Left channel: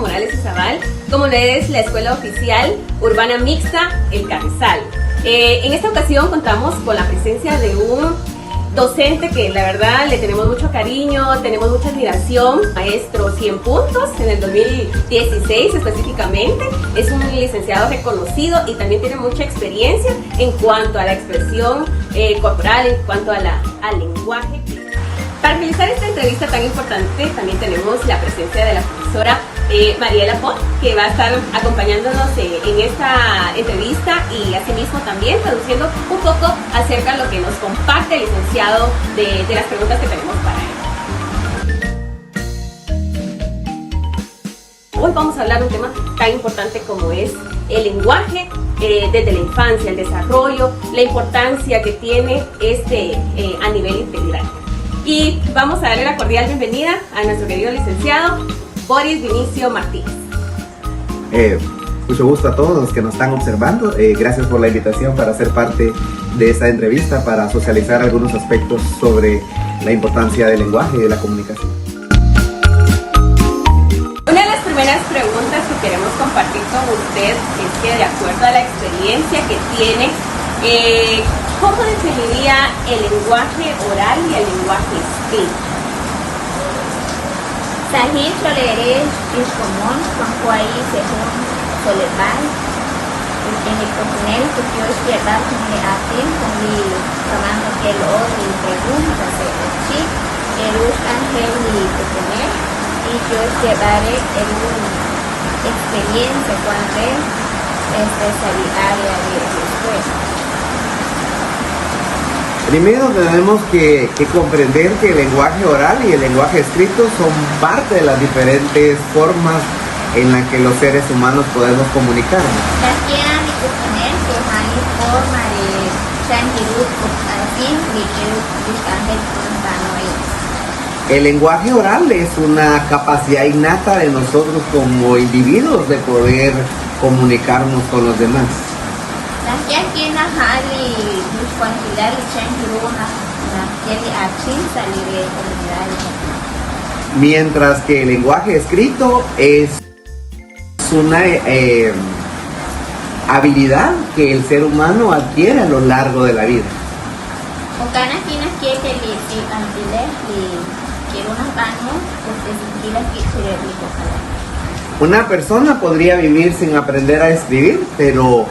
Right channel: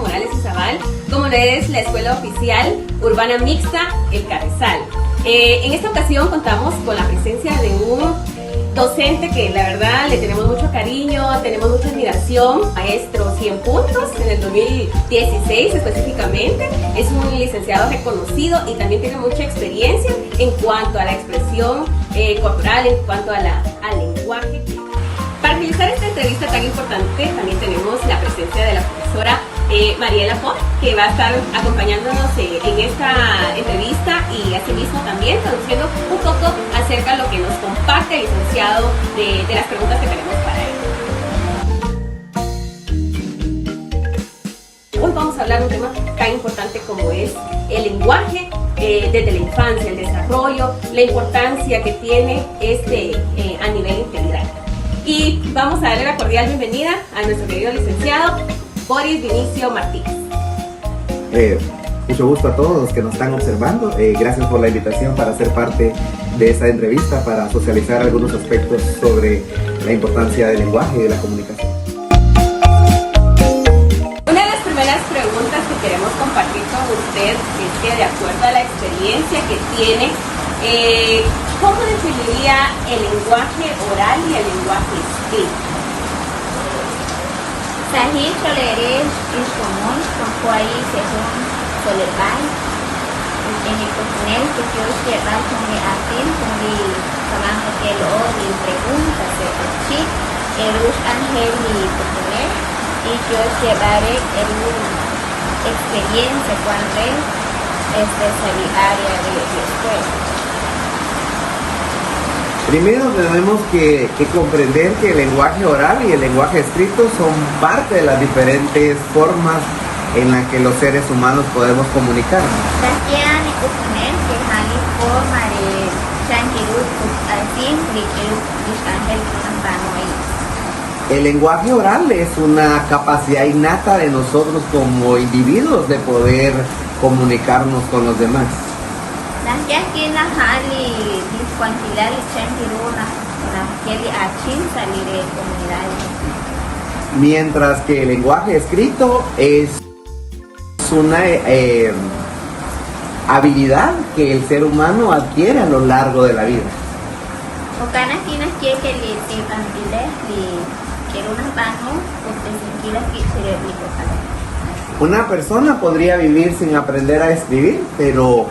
Morales Zaval, como es la Escuela Oficial Urbana Mixta El Carrizal. En esta ocasión contamos con la presencia de un docente que la verdad le tenemos mucho cariño, tenemos mucha admiración, maestro 100 puntos en el 2016 específicamente. Es un licenciado reconocido y también tiene mucha experiencia en cuanto a la expresión corporal, en cuanto al lenguaje. Para realizar esta entrevista tan importante también tenemos la presencia de la profesora Mariela Font, que va a estar acompañándonos en esta entrevista y asimismo también traduciendo un poco acerca de lo que nos comparte el licenciado de las preguntas que tenemos para él. Hoy vamos a hablar de un tema tan importante como es el lenguaje desde la infancia, el desarrollo, la importancia que tiene a nivel integral. Y vamos a darle la cordial bienvenida a nuestro querido licenciado Boris Vinicio Martínez. Mucho gusto a todos los que nos están observando. Gracias por la invitación para ser parte de esta entrevista, para socializar algunos aspectos sobre la importancia del lenguaje y de la comunicación. Una de las primeras preguntas que queremos compartir con usted es que, de acuerdo a la experiencia que tiene, ¿cómo definiría el lenguaje oral y el lenguaje escrito? Sahih Soleres is común con Kuai según Solebai. En el cocinel que yo lleva con el atin, con el trabajo que lo y preguntas de chi, el ángel y cocinel, y yo llevaré experiencia cuando es área de escuela. Primero tenemos que comprender que el lenguaje oral y el lenguaje escrito son parte de las diferentes formas en las que los seres humanos podemos comunicarnos. El lenguaje oral es una capacidad innata de nosotros como individuos de poder comunicarnos con los demás. Mientras que el lenguaje escrito es una habilidad que el ser humano adquiere a lo largo de la vida. Una persona podría vivir sin aprender a escribir, pero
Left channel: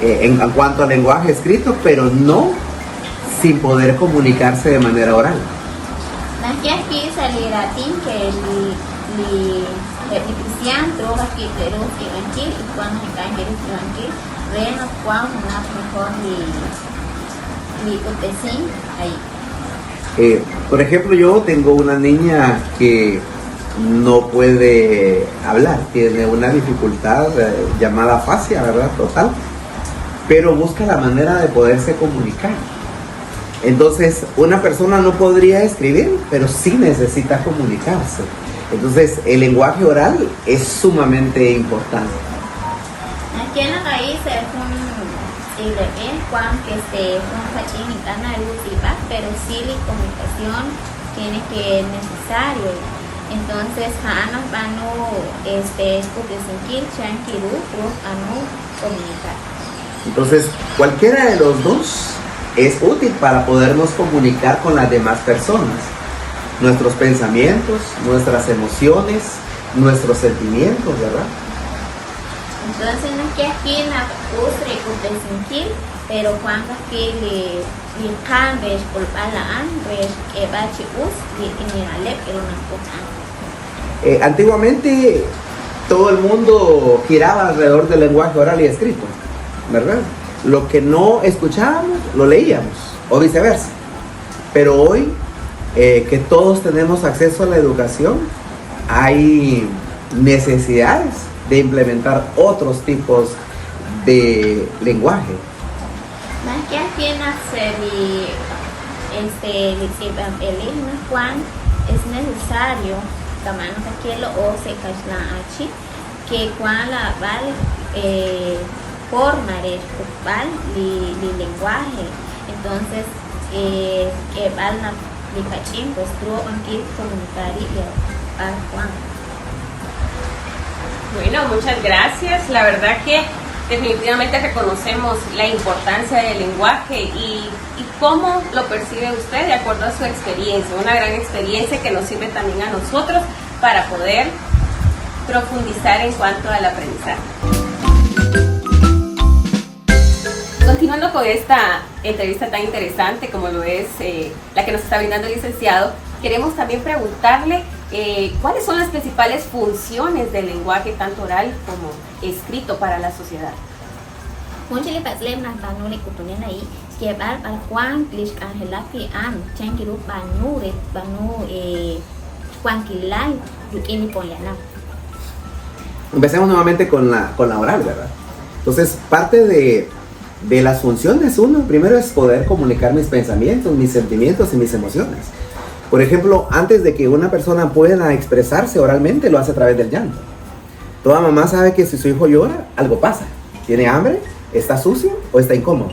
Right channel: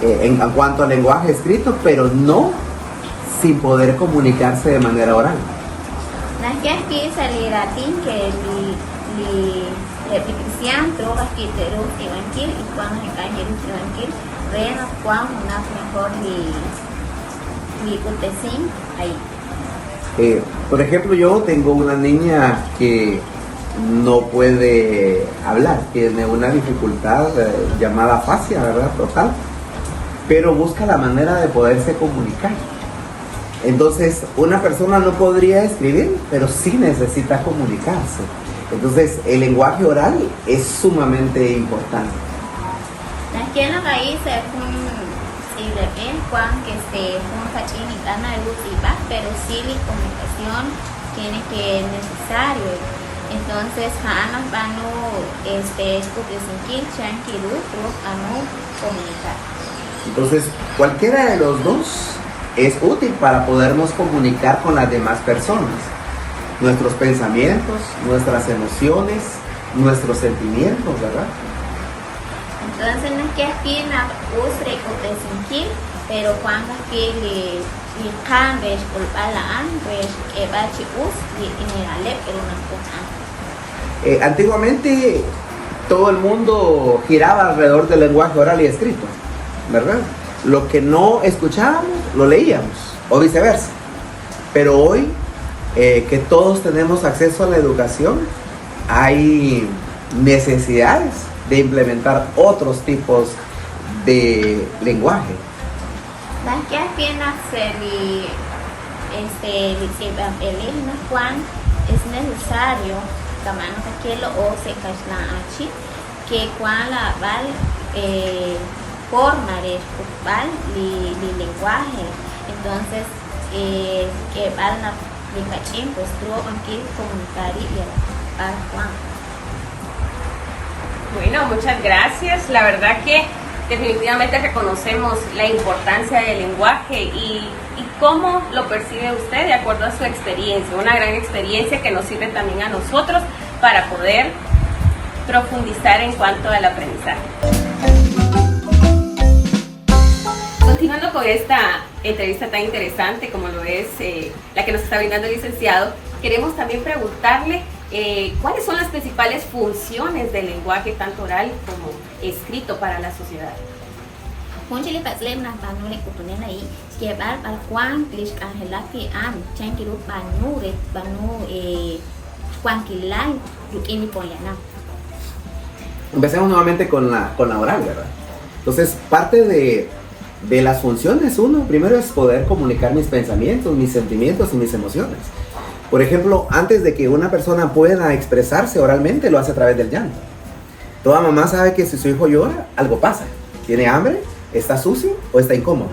en cuanto al lenguaje escrito, pero no sin poder comunicarse de manera oral. Por ejemplo, yo tengo una niña que no puede hablar, tiene una dificultad llamada afasia, ¿verdad? Total. Pero busca la manera de poderse comunicar. Entonces, una persona no podría escribir, pero sí necesita comunicarse. Entonces, el lenguaje oral es sumamente importante. Aquí en la raíz es pero sí la comunicación tiene que es necesario. Entonces, comunicar. Entonces, cualquiera de los dos es útil para podernos comunicar con las demás personas. Nuestros pensamientos, nuestras emociones, nuestros sentimientos, ¿verdad? Entonces, no es que aquí en la ustre y pero cuando aquí le cambies por la antes que va a y antiguamente todo el mundo giraba alrededor del lenguaje oral y escrito, ¿verdad? Lo que no escuchábamos, lo leíamos, o viceversa. Pero hoy, que todos tenemos acceso a la educación, hay necesidades de implementar otros tipos de lenguaje. Las que apenas es necesario que cuando la forma de ocupar el lenguaje, entonces que van a aplicar pues tú aquí comunicar y para Juan. Bueno, muchas gracias. La verdad que definitivamente reconocemos la importancia del lenguaje y cómo lo percibe usted de acuerdo a su experiencia, una gran experiencia que nos sirve también a nosotros para poder profundizar en cuanto al aprendizaje. Continuando con esta entrevista tan interesante como lo es la que nos está brindando el licenciado, queremos también preguntarle cuáles son las principales funciones del lenguaje tanto oral como escrito para la sociedad. Muchas veces las banu de cultura này que bar para Juan es Angela que an chen kiru banu Juan Kilal y ni poyana. Empecemos nuevamente con la oral, ¿verdad? Entonces, parte de las funciones, primero es poder comunicar mis pensamientos, mis sentimientos y mis emociones. Por ejemplo, antes de que una persona pueda expresarse oralmente, lo hace a través del llanto. Toda mamá sabe que si su hijo llora, algo pasa. ¿Tiene hambre? ¿Está sucio? ¿O está incómodo?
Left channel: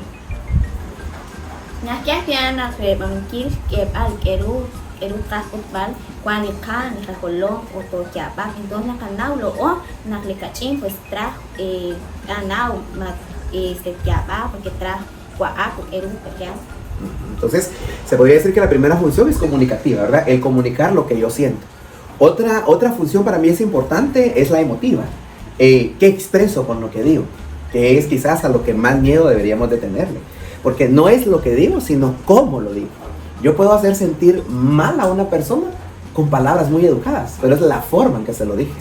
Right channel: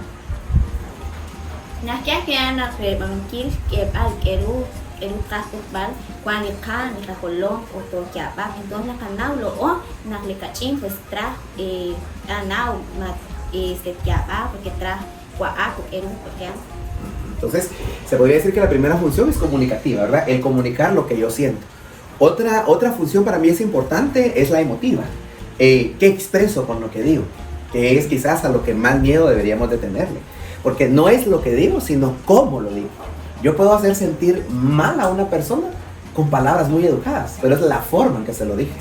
Entonces, se podría decir que la primera función es comunicativa, ¿verdad? El comunicar lo que yo siento. Otra función para mí es importante, es la emotiva. ¿Qué expreso con lo que digo? Que es quizás a lo que más miedo deberíamos de tenerle. Porque no es lo que digo, sino cómo lo digo. Yo puedo hacer sentir mal a una persona con palabras muy educadas, pero es la forma en que se lo digo.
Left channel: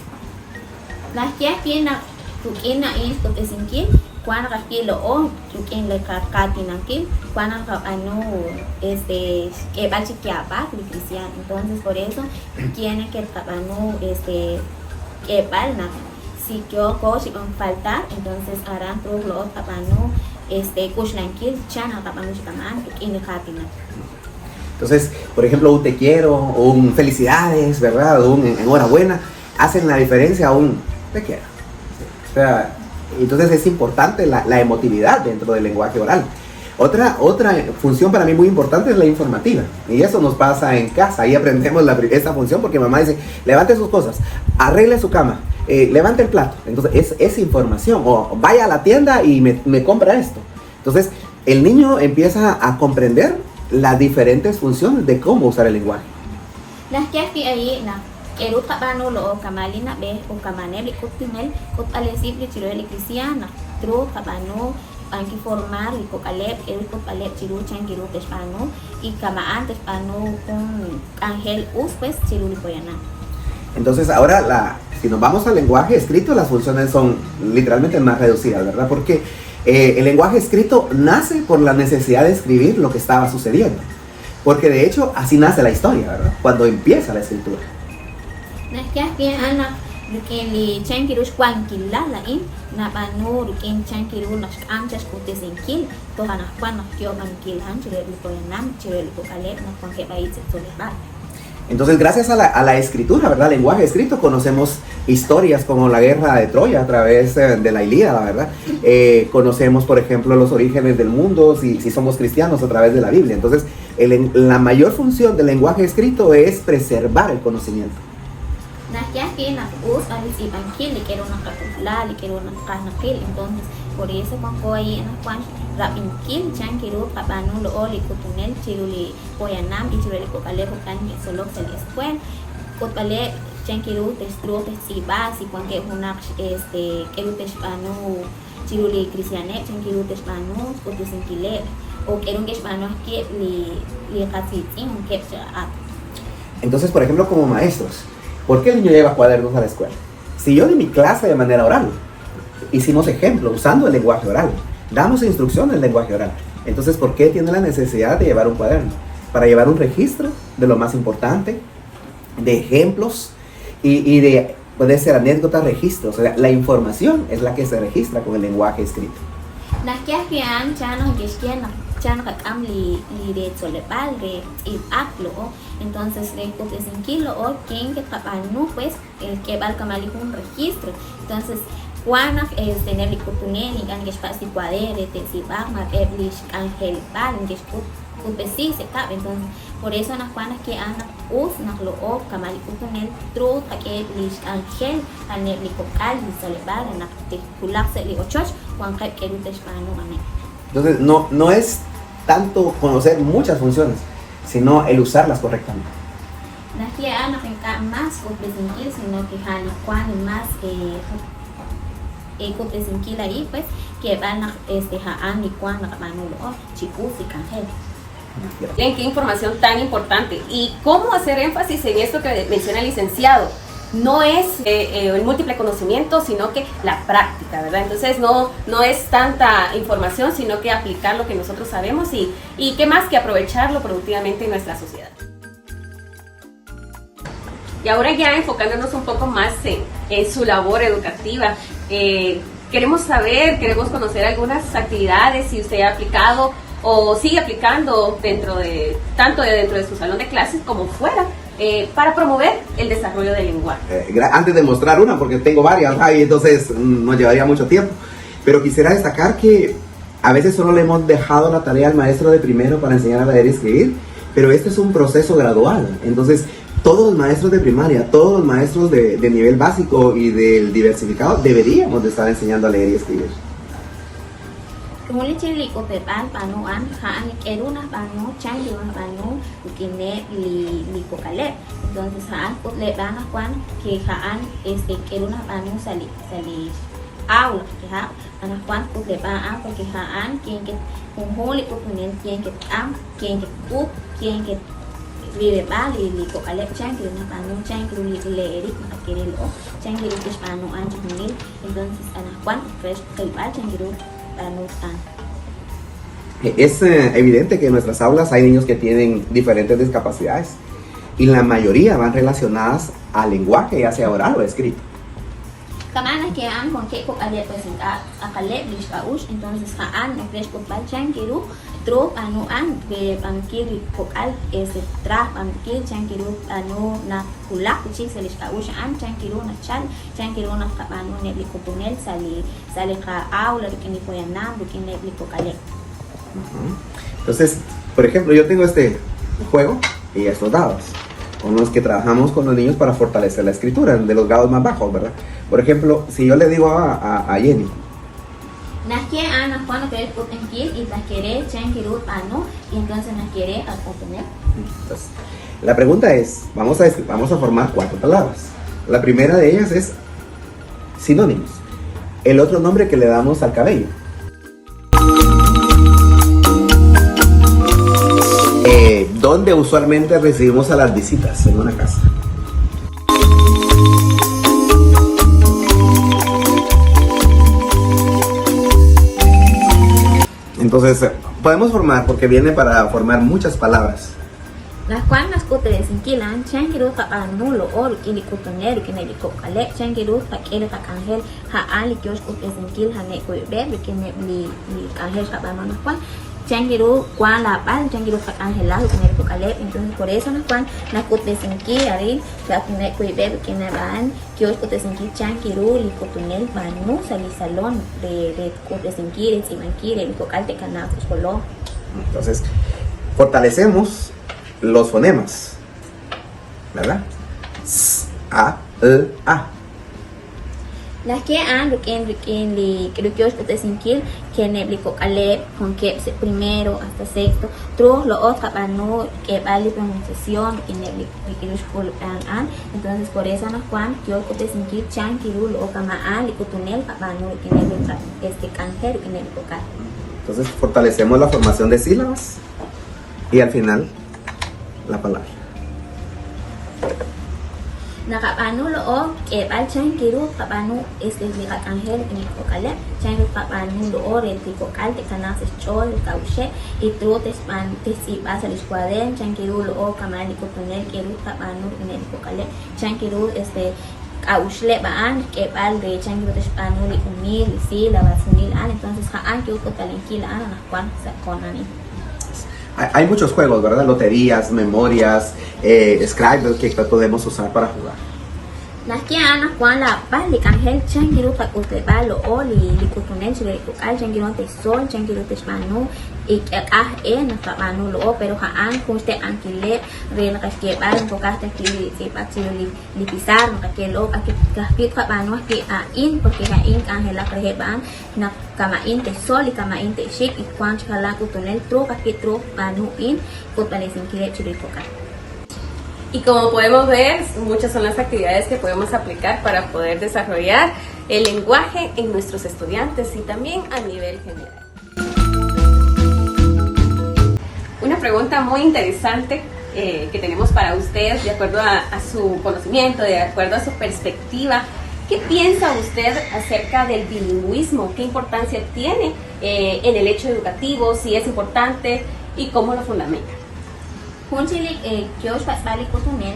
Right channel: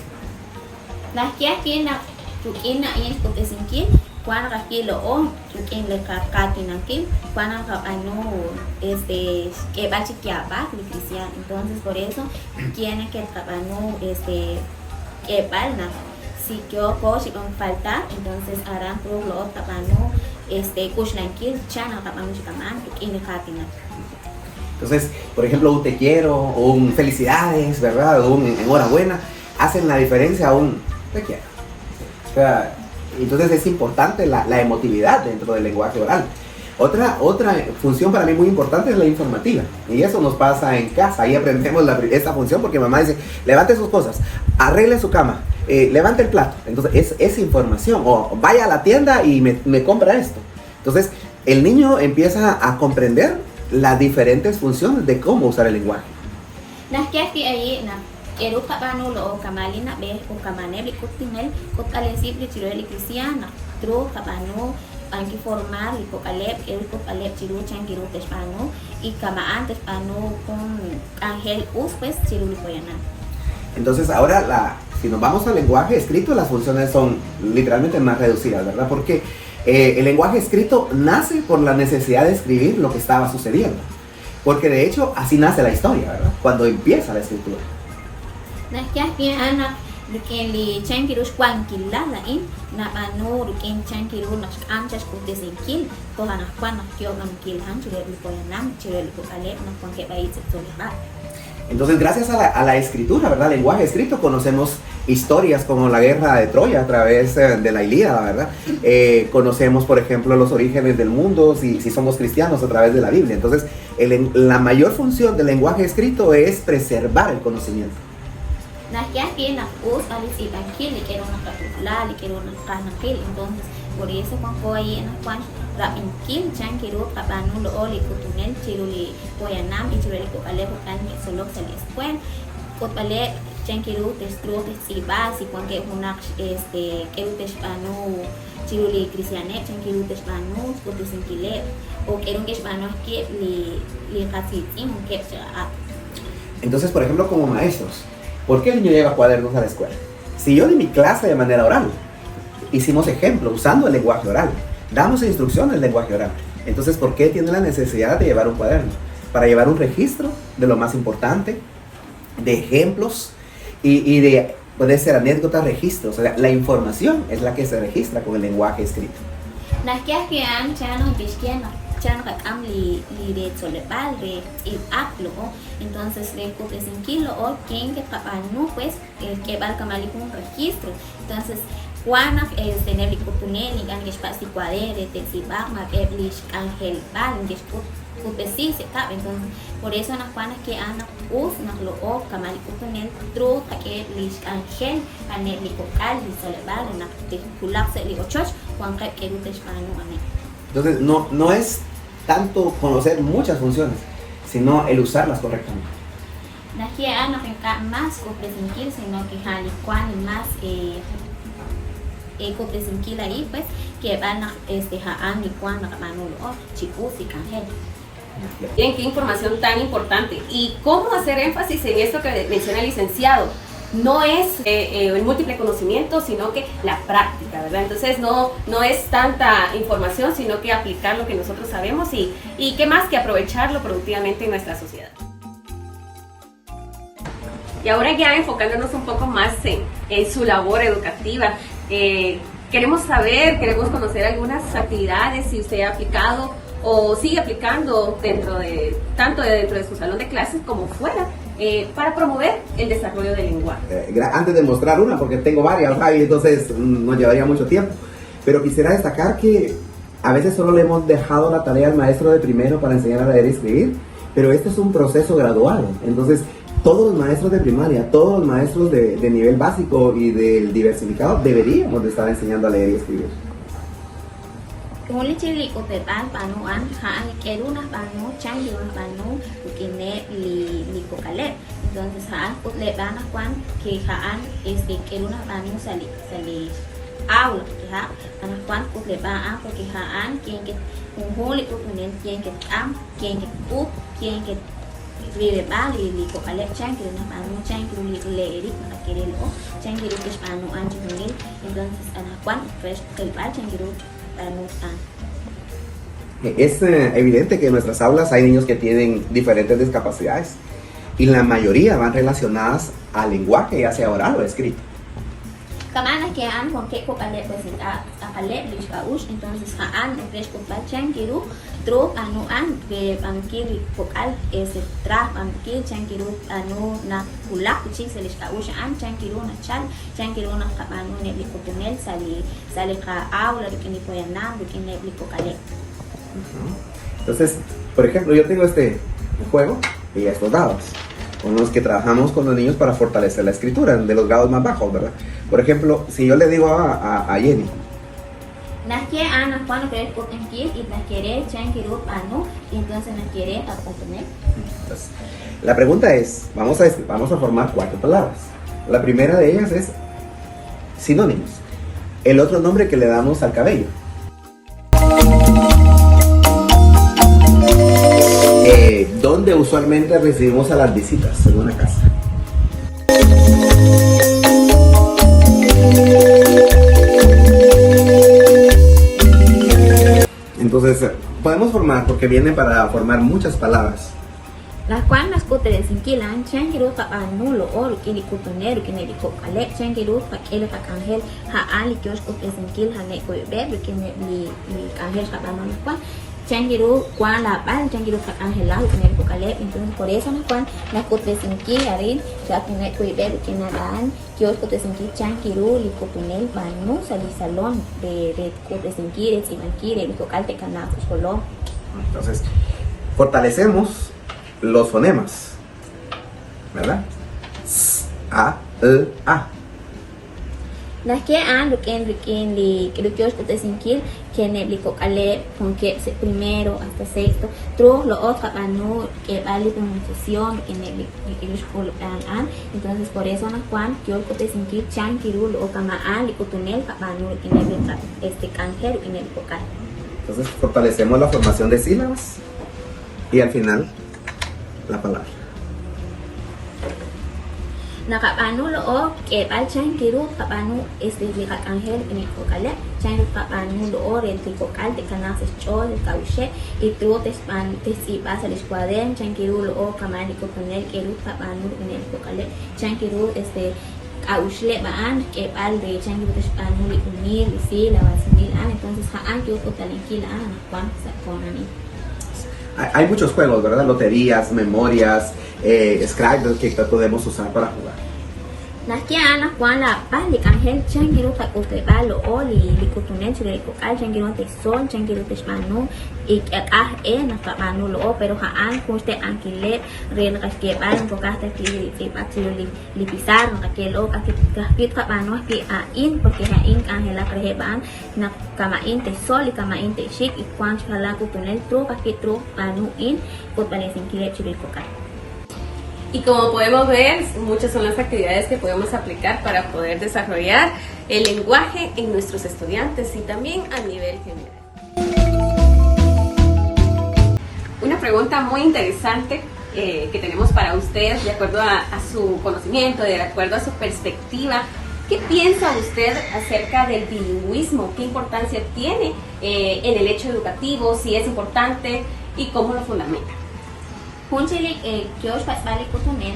Entonces por eso tiene que si yo puedo faltar, entonces hará todo lo tapano chana tapano Entonces, por ejemplo, un te quiero, un felicidades, ¿verdad? Un enhorabuena, hacen la diferencia a un te quiero. O sea, entonces es importante la emotividad dentro del lenguaje oral. Otra función para mí muy importante es la informativa. Y eso nos pasa en casa. Ahí aprendemos esta función porque mamá dice, levante sus cosas, arregle su cama, levante el plato. Entonces es información. O vaya a la tienda y me compra esto. Entonces el niño empieza a comprender las diferentes funciones de cómo usar el lenguaje. Quiero tapano lo camalina ve un camane de cotinel con alesible tiro de cristiana tro tapano anki formar cocalep el cocalep tiro changuero pesano y camaan pesano con ángel pues tiro de poyana. Entonces ahora si nos vamos al lenguaje escrito, las funciones son literalmente más reducidas, ¿verdad? Porque el lenguaje escrito nace por la necesidad de escribir lo que estaba sucediendo. Porque de hecho así nace la historia, ¿verdad? Cuando empieza la escritura. Que le chanquiros cualquier lado ahí, no que chanquiros nos anchas de sentir, todas las cuantas que yo que han tirado el cocalep nos considera Entonces, gracias a la escritura, ¿verdad? Lenguaje escrito, conocemos historias como la guerra de Troya a través de la Ilíada, ¿verdad? Conocemos, por ejemplo, los orígenes del mundo, si somos cristianos, a través de la Biblia. Entonces, la mayor función del lenguaje escrito es preservar el conocimiento. Entonces, por eso cuando hay en cuanto la inquil chanquiru papano lo oli cotonel chiruli poyanam y chiruli cocale can que solo se les puede cocale chanquiru testro testiba si porque una el hispano chiruli cristianet chanquiru hispano o desinquile o que un hispano que le casi que Entonces, por ejemplo, como maestros, ¿por qué el niño lleva cuadernos a la escuela? Si yo de mi clase de manera oral, hicimos ejemplos usando el lenguaje oral, damos instrucciones en lenguaje oral. Entonces, ¿por qué tiene la necesidad de llevar un cuaderno? Para llevar un registro de lo más importante, de ejemplos y de ponerse la anécdota, registros. O sea, la información es la que se registra con el lenguaje escrito. Entonces, porque sin que lo quien que papá no pues que va a cambiar un registro. Entonces, cuando es tener el cotunel y ganar espacio para él, que se va a ver el ángel van, después se cabe. Entonces, por eso nos van a que anda uf nak lo o kamari kutanel tro ake lis angel ane ni kokal ni soleban nak te kulak se li ochos wan ka ke rutes mano ana. Entonces, no es tanto conocer muchas funciones, sino el usarlas correctamente. Aquí anak yang más competitivo, sino que hal cuan más competitivo ahí pues que anak haan y cuan nak manulo chiku si cangel. Bien, qué información tan importante. ¿Y cómo hacer énfasis en esto que menciona el licenciado? No es el múltiple conocimiento, sino que la práctica, ¿verdad? Entonces no es tanta información, sino que aplicar lo que nosotros sabemos y qué más que aprovecharlo productivamente en nuestra sociedad. Y ahora ya enfocándonos un poco más en su labor educativa, queremos conocer algunas actividades, si usted ha aplicado o sigue aplicando tanto dentro de su salón de clases como fuera, para promover el desarrollo del lenguaje. Antes de mostrar una, porque tengo varias, y entonces nos llevaría mucho tiempo, pero quisiera destacar que a veces solo le hemos dejado la tarea al maestro de primero para enseñar a leer y escribir, pero este es un proceso gradual. Entonces todos los maestros de primaria, todos los maestros de nivel básico y del diversificado deberíamos de estar enseñando a leer y escribir. Kemudian ciri kompetan kanu ang kaan kelu kanu cang di kanu kini li kokale. Entonces haan kompetan kuan ki haan kelu kanu sali aula ha. Kuan kompetan ang ki haan ki huli kemudian ki ang ki ki li kokale cang di kanu cang di le kini cang di kanu ang kini. Entonces kuan fresh kepal cang di Es evidente que en nuestras aulas hay niños que tienen diferentes discapacidades y la mayoría van relacionadas al lenguaje, ya sea oral o escrito. Kemana kian porque kokale presenta akale di bagus entonces haan es compachan kiru tro anu an ke bangkir kokal insetra bangkir chan kiru anu na kulak di sini bagus an chan kiru na chan kiru na anu ne di kuponet sale ka aula kini poena kini kokale. Entonces, por ejemplo, yo tengo este juego y estos dados con los que trabajamos con los niños para fortalecer la escritura de los grados más bajos, ¿verdad? Por ejemplo, si yo le digo a Jenny, Nas quiere anak cuando quiere ir y las quiere chan kiru anu y entonces nas quiere obtener. pues, la pregunta es, vamos a formar 4 palabras. La primera de ellas es sinónimos. El otro nombre que le damos al cabello. ¿Dónde usualmente recibimos a las visitas en una casa? Entonces, podemos formar, porque viene para formar muchas palabras. Las cuantas cosas en Sinquilan, Changiru Tapanu, lo ol, y ni Kuntaner, que ne Kokale, Changiru, Paquero, Pacangel, Haali, que os copes en Kil, Hane, Kuiber, que ni Cangel, Rabama, la cual, Changiru, Kuan, la Pan, Changiru, Pacangelado, que ne Kokale, entonces por eso, la cual, las copes en Kil, Ari, la que ne Kuiber, que ne Ban, que os copes en Kil, Changiru, y Kupunel, Manu, Salisalón, de copes en Kil, Simanquil, el Kokal, de Canazos, Colón. Entonces, fortalecemos los fonemas, ¿verdad? S, A, E, A. Las que han que creo que os puedes sentir que en el vocale con que primero hasta sexto tro lo otro para no que vale pronunciación que en el an entonces por eso no Juan que os puedes sentir chan kiru lo kama an y que tener para no tiene este cáncer en el vocal. Entonces fortalecemos la formación de sílabas y al final la palabra. Nakapano lo que va chan kiru kapano este cáncer en el vocal chan kapano lo el vocal de canales chol cauche y trotes pantes y pasa el escuadrón chan kiru lo kama y poner kiru kapano en el vocal chan kiru este cauche baan que val de chan kiru español y unir y sí la basinil entonces haan que total kila ana cuando se conani. Hay muchos juegos, ¿verdad? Loterías, memorias, Scrabble que podemos usar para jugar. Nakia anak kuan la balik ang health changiru pag utebalo o li kutunet sila ikukal changiru te sol changiru te spano nakamano loo pero haan poste ang kilet ren kaskebal bukate kili sepat sila lipisar nakilo kahit kapano kiain porque kain ang hela krehebaan na kamain te sol kamain te shik ikwan chala kutunet tro kahit tro panuin kutalesin kilet sila ikukal. Y como podemos ver, muchas son las actividades que podemos aplicar para poder desarrollar el lenguaje en nuestros estudiantes y también a nivel general. Una pregunta muy interesante que tenemos para usted, de acuerdo a su conocimiento, de acuerdo a su perspectiva. ¿Qué piensa usted acerca del bilingüismo? ¿Qué importancia tiene en el hecho educativo? Si es importante y cómo lo fundamenta. Punchilik George balik kutunen,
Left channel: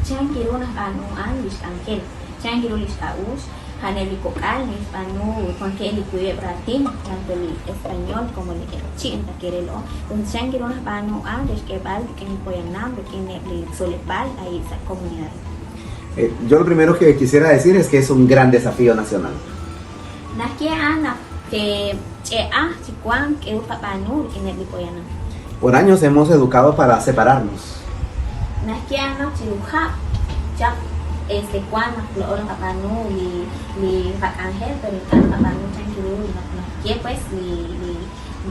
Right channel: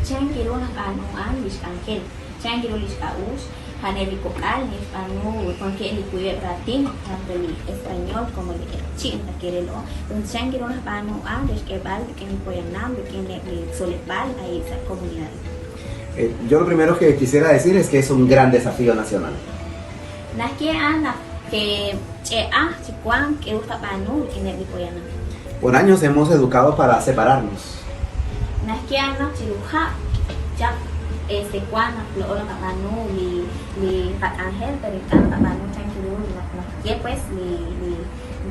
changiru na banuan lis angel, changiru lis aus, haneli kokal lis banu, porque el cuye bratin, tanto el español como el chino querelo, entonces changiru na banuan lis que van que ni pueden nada, tiene el solepal a esa comunidad. Yo lo primero que quisiera decir es que es un gran desafío nacional. Nakia anak que si cuan que usa banu en el pueden. Por años hemos educado para separarnos. Nakia anak ciruja, ya cuan lo orang kapanu ni angel pero kapanu changiru na pues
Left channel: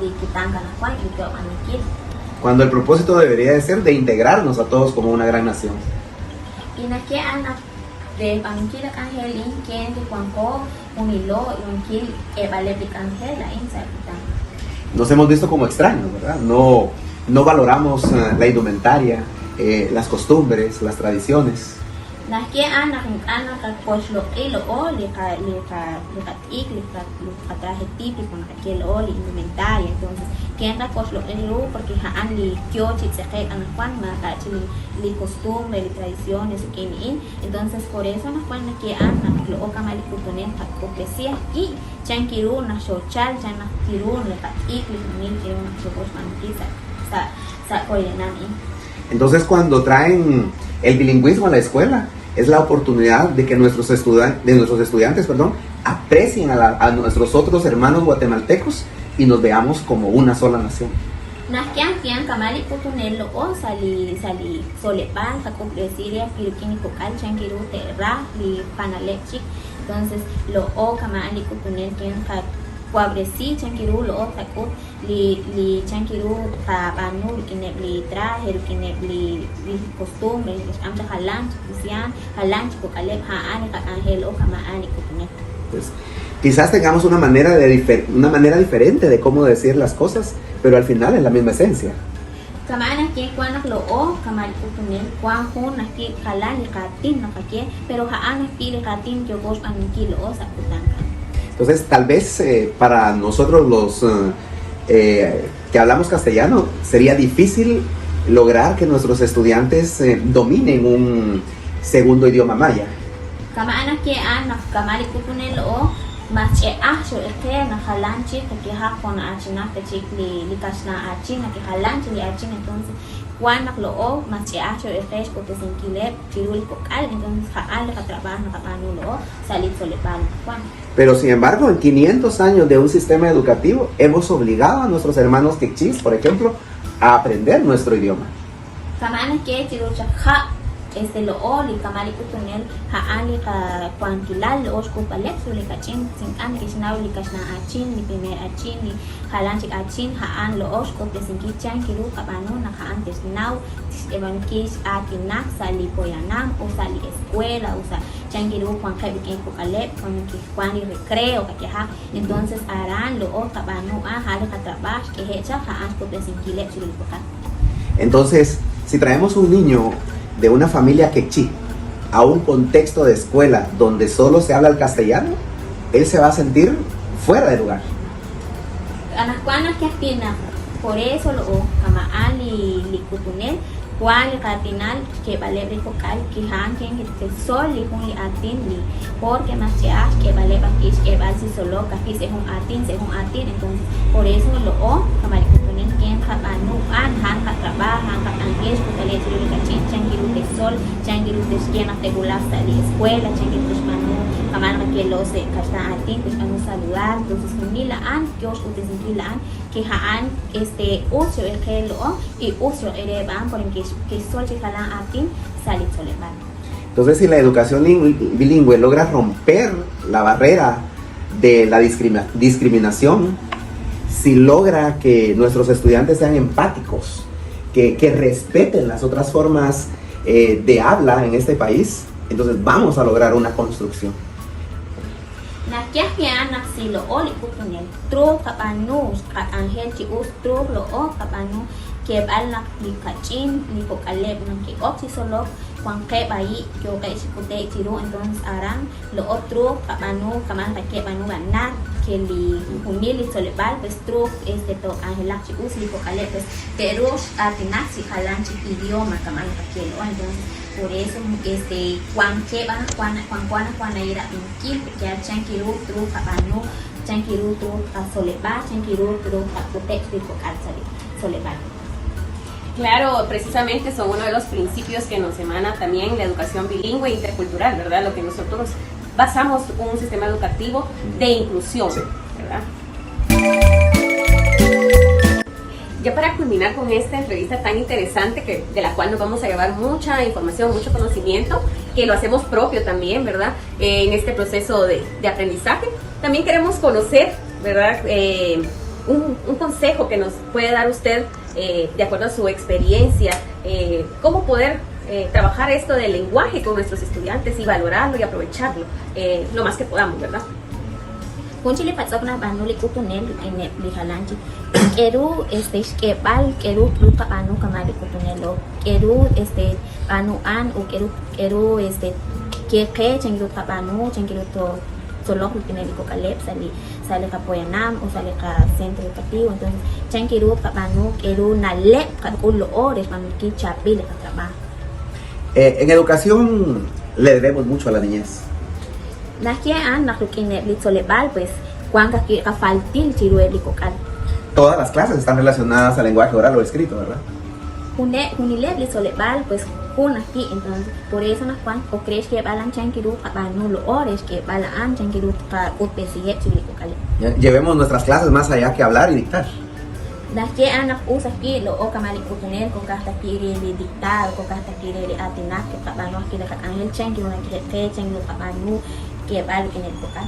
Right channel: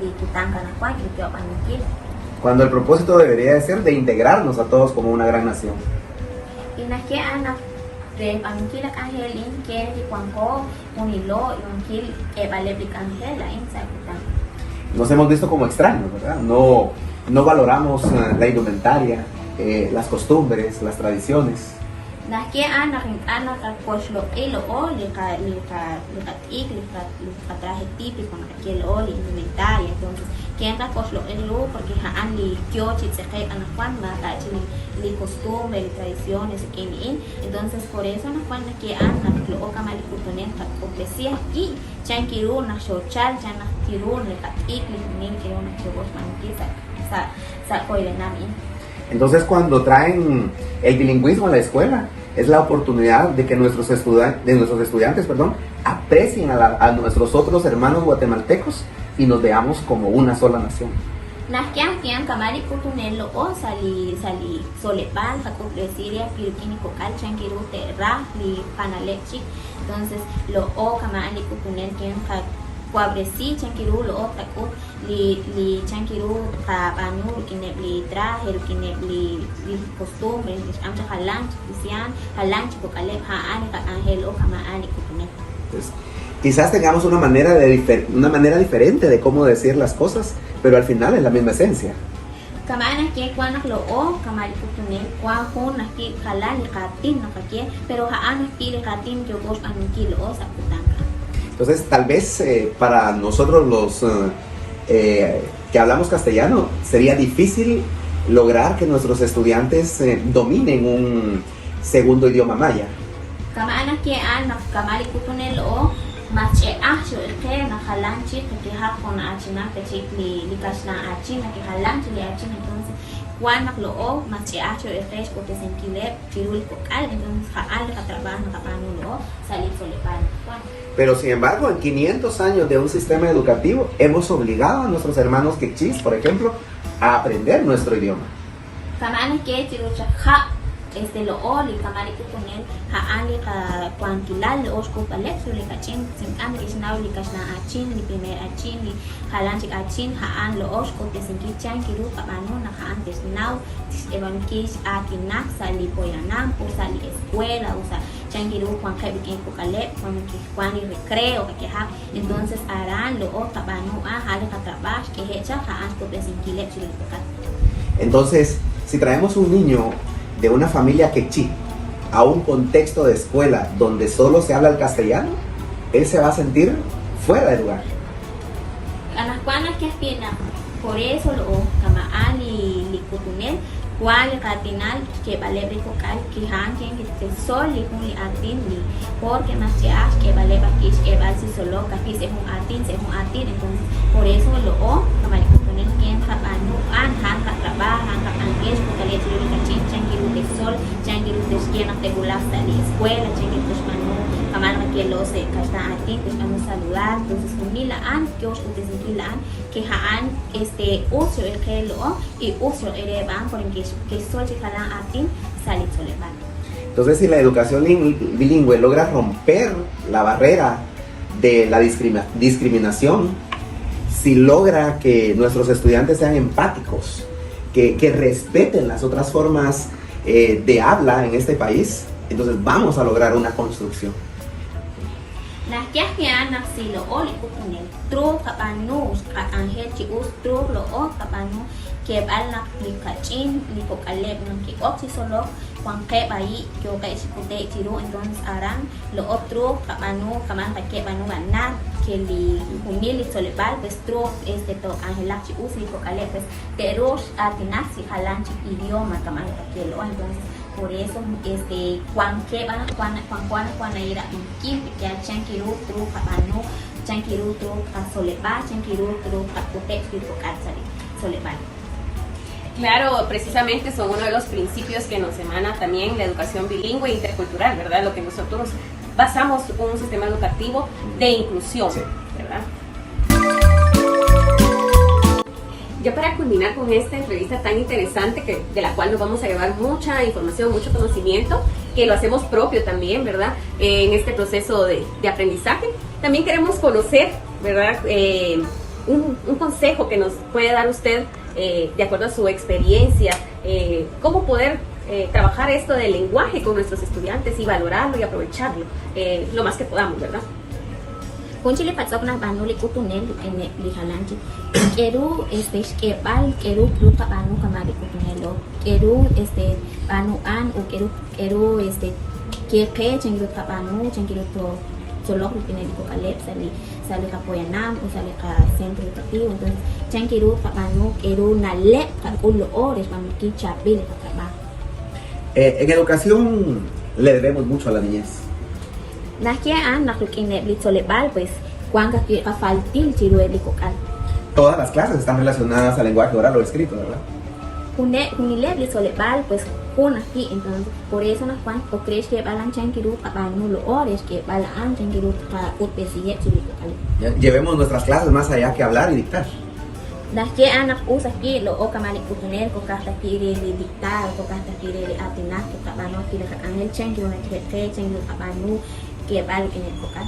ni kitang kana kuan ni teo manikin. Cuando el propósito debería de ser de integrarnos a todos como una gran nación. Y nakia anak de pangkil angel inken de kuanho unilo yongkil vale de angel la inside kitang. Nos hemos visto como extraños, ¿verdad? No valoramos la indumentaria, las costumbres, las tradiciones. Nakia anak pues lo o le traje típico que o indumentaria, entonces quien pues lo porque han li tiochi se an cuan mata ni costumbre y tradiciones entonces por eso no cuando que anak lo o kamali componente cortesía y chankiru na social chana kiru ne patik ni que un mantiza sa koilenami. Entonces cuando traen el bilingüismo a la escuela es la oportunidad de que nuestros estudiantes aprecien a nuestros otros hermanos guatemaltecos y nos veamos como una sola nación. Nakian kamari kutunelo o sali solepan sa complesiria filipini kokal changiru terra ni panalechi entonces lo o kamari kutunen ka cuabresi changiru lo sako li changiru ka banu ni traje ni costumbre amcha halang sia halang kokale ha ani ka angel o kamaani kutunen. Pues, quizás tengamos una manera diferente de cómo decir las cosas, pero al final es la misma esencia. Kamana que cuando lo o kamari kutunen cuando na que halang katin no que pero haan tire katin que vos anuki lo sa kutaka. Entonces, tal vez para nosotros los que hablamos castellano sería difícil lograr que nuestros estudiantes dominen un segundo idioma maya. Kamana que anak kamari kutunen lo mache so que na halanchi que ha con achina que ni kasna achina que halanchi li achina entonces cuando lo o mache so es porque se entiende que vocal entonces ha trabajo na kapano salir solepan. Pero sin embargo, en 500 años de un sistema educativo hemos obligado a nuestros hermanos quechis, por ejemplo, a aprender nuestro idioma. Kamana que lo o li kamari kutunen haani kuantilal lo oskupanet li kachin sin am kisnaw li kasna achin li primer achin li halanchi achin haan lo osku que sin kichan kiru kapano na haan kisnaw iban kis atinak sa li polanam o sa li escuela o sea chan kiru kuan hay en kukalet kuan kuan recreo que ha entonces harán lo o kapano haan ka trabajo que hecha haan ku sin kilet sin kukan. Entonces, si traemos un niño de una familia quechí a un contexto de escuela donde solo se habla el castellano, él se va a sentir fuera de lugar. Por eso lo kamaan li kutunen cual al final que vale de cocal que hangen que sol y con atin porque no se hace que vale batis que va si solo casi según atin entonces por eso lo o en que trabajan, trabajan, esto, tienen que changiru de sol, changiru buscan temulanza de escuela, changiru pamana que los kata atin están saludar, entonces pemilaan, que os pemilaan, que haan uso el gelo y uso el ban por el que sol llegarán atin sale soleban. Entonces, si la educación bilingüe logra romper la barrera de la discriminación, si logra que nuestros estudiantes sean empáticos, que respeten las otras formas de habla en este país, entonces vamos a lograr una construcción. Nah, que anak silo oli kupane, tru kapanu, angel cius tru lo o kapanu, que anak di kacin, di kokale, di opsi solo, con que bayi, yo que si puede tiro, entonces harán lo otro kapanu, kaman que manu mana, que li humili solebal, pues tru to angel cius di kokale, pues terus artinak si kalan idioma kaman que lo entonces. Por eso, cuando era aquí, ya chanquiru tru habano, chanquiru tru soleba, chanquiru tru pacote, soleba. Claro, precisamente son uno de los principios que nos emana también la educación bilingüe e intercultural, ¿verdad? Lo que nosotros basamos un sistema educativo de inclusión, ¿verdad? Ya para culminar con esta entrevista tan interesante, de la cual nos vamos a llevar mucha información, mucho conocimiento, que lo hacemos propio también, ¿verdad? En este proceso de aprendizaje. También queremos conocer, ¿verdad? Un consejo que nos puede dar usted, de acuerdo a su experiencia, cómo poder trabajar esto del lenguaje con nuestros estudiantes y valorarlo y aprovecharlo lo más que podamos, ¿verdad? Kunci patok na banu li kutunen itine lihalanchi. Keru skepal keru pluta anu kamari kutunelo. Keru anu an u keru kepe changiru tabanu changiru to solo kutunen ko kalep sale ka poyanam o sale ka centro educativo. Entonces changiru tabanu keru nalep kan ulo ores manuki chabil ka trabajo. En educación le debemos mucho a la niñez. Las que han nakukinet litsolebal pues cuanca que faltil chirue picocal. Todas las clases están relacionadas al lenguaje oral o escrito, ¿verdad? Unileb litsolebal pues kun aquí entonces por eso nas cuan o crees que balan chankiru para nulo ores que balan chankiru para un pesije chiricocal. Llevemos nuestras clases más allá que hablar y dictar. Las que han usa aquí lo o kamali kutuner con casta que de dictar con casta que de atinar que para no aquí la angel chankiru la que chankiru para nu que val en el local.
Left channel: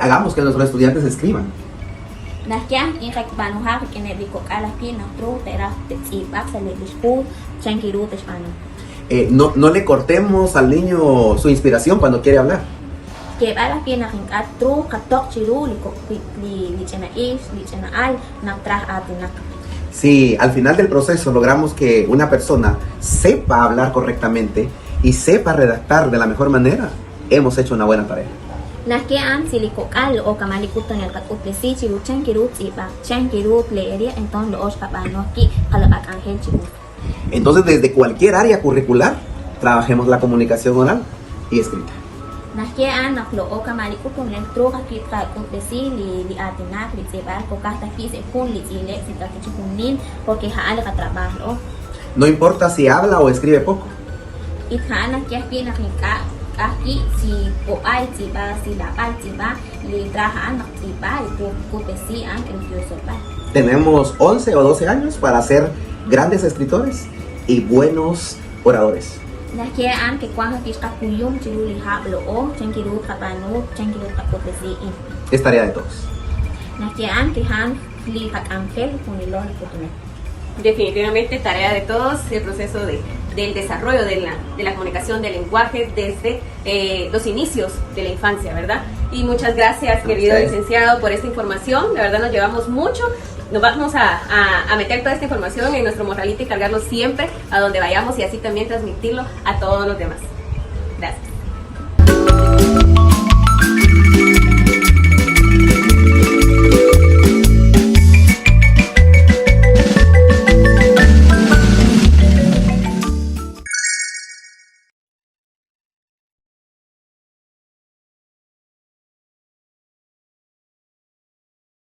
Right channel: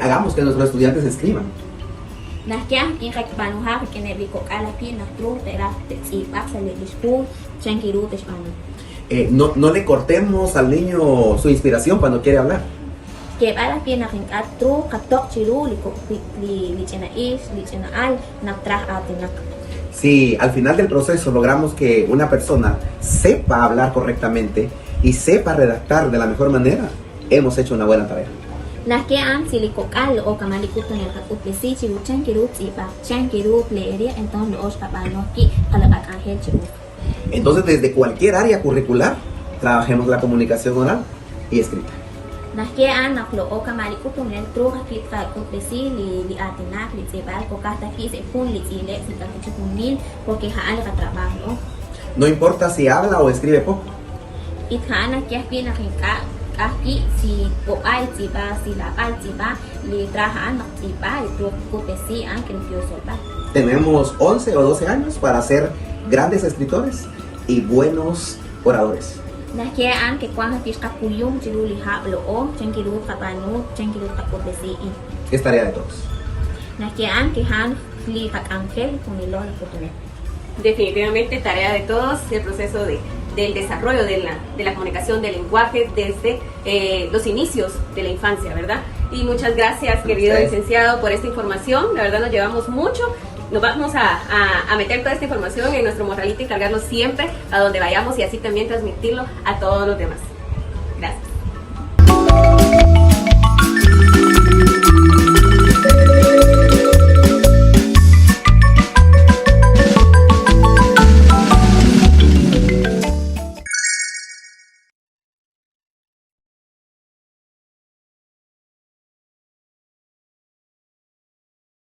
Hagamos que nuestros estudiantes escriban. Nakian in Banuha que en el local aquí en Astro, pero si pasa en el school, chankiru no le cortemos al niño su inspiración cuando quiere hablar. Que val aquí en Astro, katok chiru, li chena is, li chena al, na tra atina. Si al final del proceso logramos que una persona sepa hablar correctamente y sepa redactar de la mejor manera, hemos hecho una buena tarea. Nakian silikokal o kamalikutan el kakupesi chiru chankiru tsipa, chankiru leeria entonces los kabano aquí kalabak angel chiru. Entonces desde cualquier área curricular trabajemos la comunicación oral y escrita. Nakian naklo o kamalikutan el tro aquí kakupesi li atenak li tsipa ko kata aquí se pun li tsile si kakuchukunin porque haan ka trabajo. No importa si habla o escribe poco. Y haan aquí aquí nakika aquí si o ay tiba si da al tiba li trabajan tiba y kupesi que nos sopa. Tenemos 11 o 12 años para ser grandes escritores y buenos oradores. Nakian que cuando está cuyo chuli ha lo o chankiru kapanu chankiru kupesi. Es tarea de todos. Nakian que han li angel con el lol kutume. Definitivamente tarea de todos el proceso del desarrollo de la comunicación del lenguaje desde los inicios de la infancia, ¿verdad? Y muchas gracias, querido licenciado, por esta información. La verdad nos llevamos mucho. Nos vamos a meter toda esta información en nuestro morralito y cargarlo siempre a donde vayamos y así también transmitirlo a todos los demás.